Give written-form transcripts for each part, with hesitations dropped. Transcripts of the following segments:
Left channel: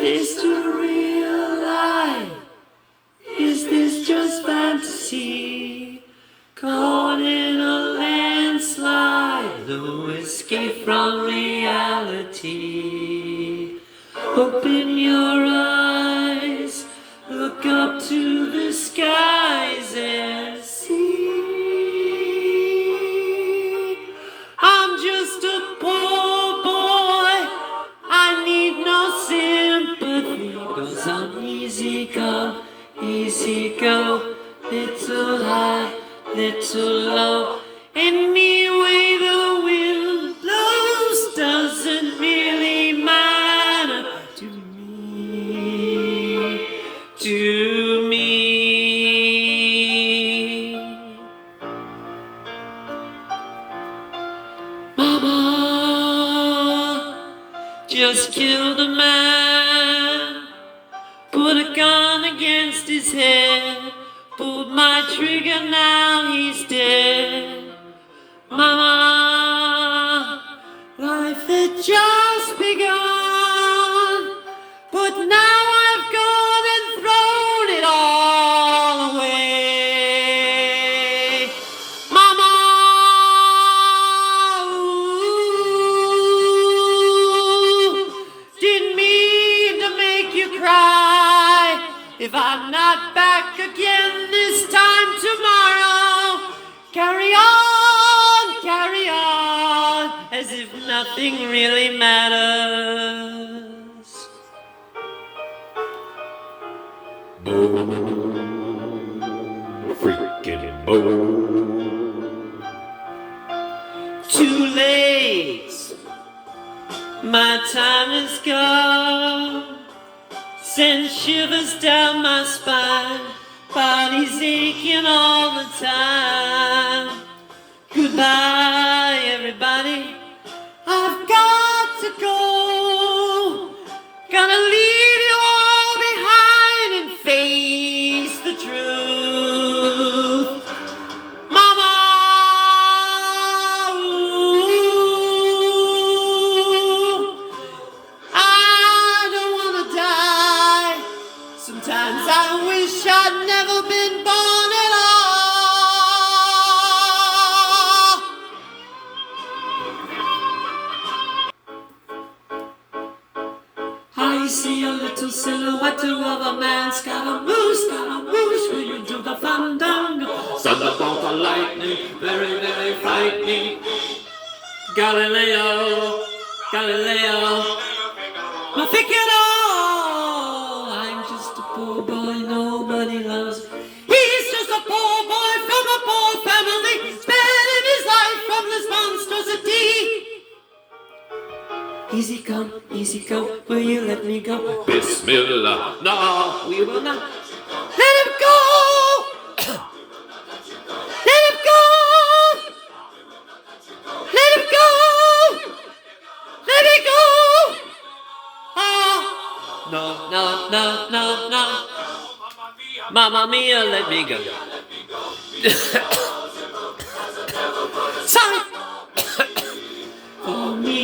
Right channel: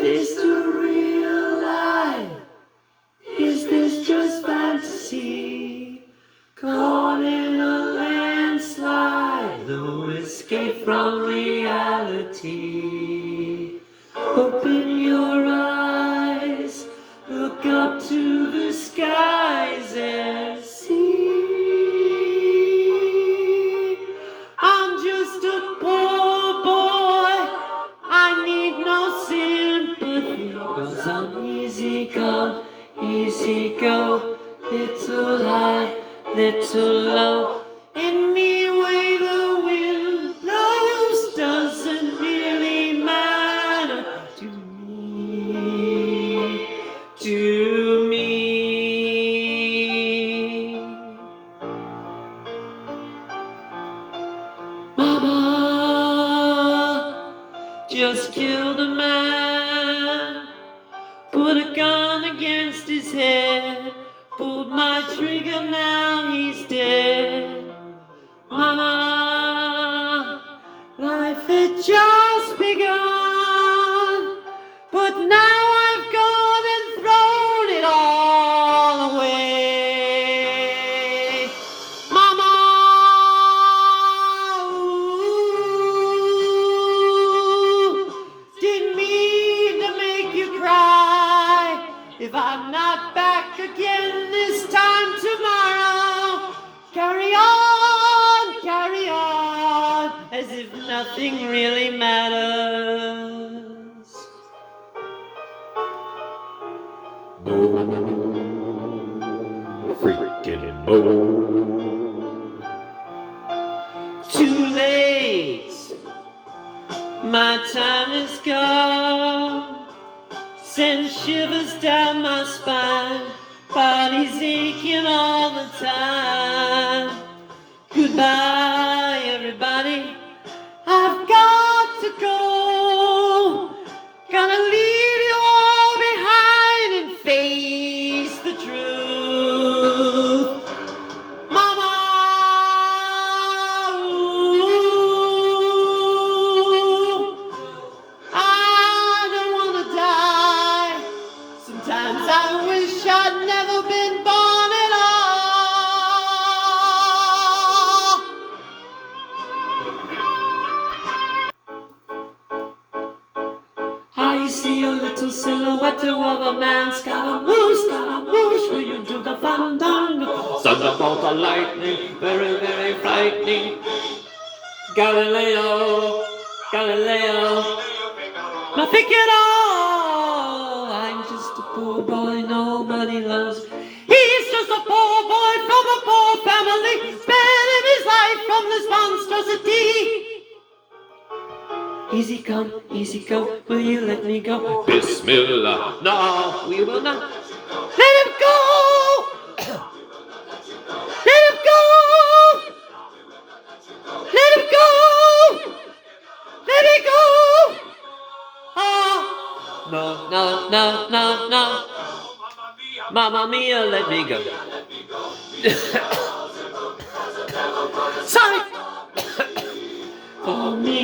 this to real life? Is this just fantasy? Caught in a landslide, no escape from reality. Open your eyes, look up to the skies and see. I'm just a poor boy, I need no sympathy, 'cause I'm easy come, easy go, little high, little low. Any way the wind blows doesn't really matter to me, to me. Mama just killed a man, put a gun against his head, pulled my trigger, now he's dead. Mama, life had just begun, but now I've gone and thrown it all away. Mama, ooh, didn't mean to make you cry. If I'm not back again this time tomorrow, carry on, as if nothing really matters. Freaking too late, my time is gone. Send shivers down my spine, body's aching all the time. Goodbye, everybody, I've got to go. Gonna leave you all behind and face the truth. Mama, ooh, I don't wanna die. Sometimes I wish I'd never been born at all. I see a little silhouette of a man, Scaramouche, will you do the fandango? Thunderbolt or lightning, very, very frightening. Galileo, I think it all. I'm just a poor boy nobody loves. He's just a poor boy from a poor family, spending his life from this monstrosity. Easy come, easy go, will you let me go? Bismillah, no, we will not. Let him go! Let him go! Let him go! Let me go! Oh, no. Mamma mia, let me go. Sorry! For me.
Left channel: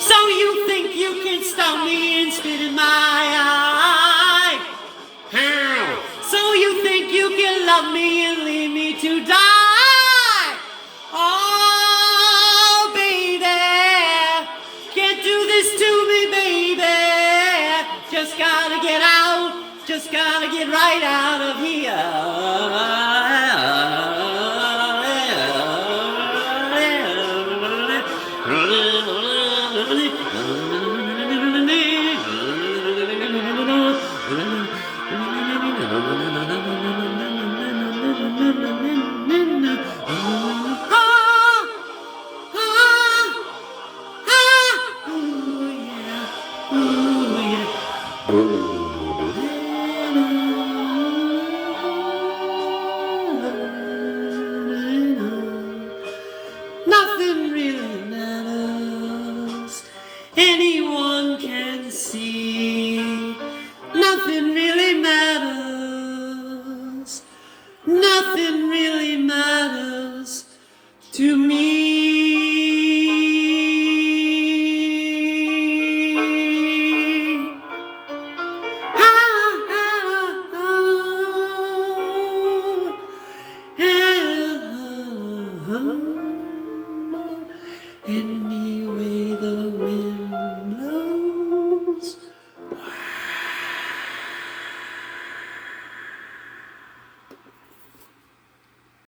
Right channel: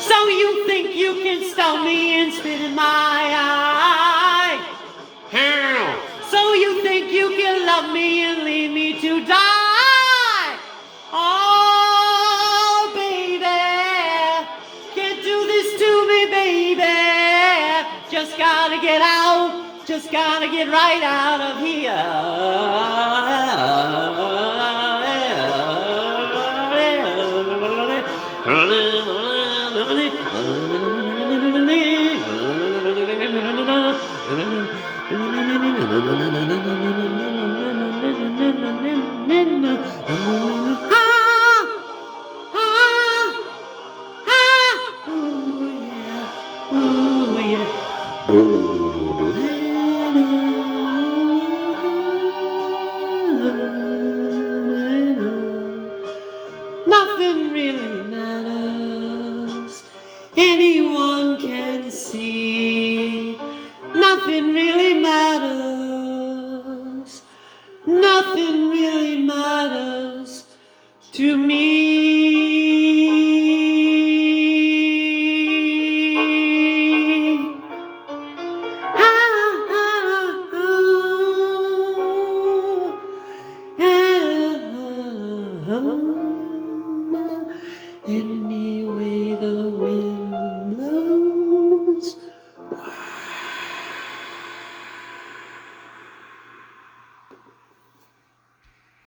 So you think you can stop me and spit in my eye? How? So you think you can love me and leave me to die? Oh, baby, can't do this to me, baby. Just gotta get out, just gotta get right out of here. Nothing really matters. Anyone can see. Nothing really matters. Oh.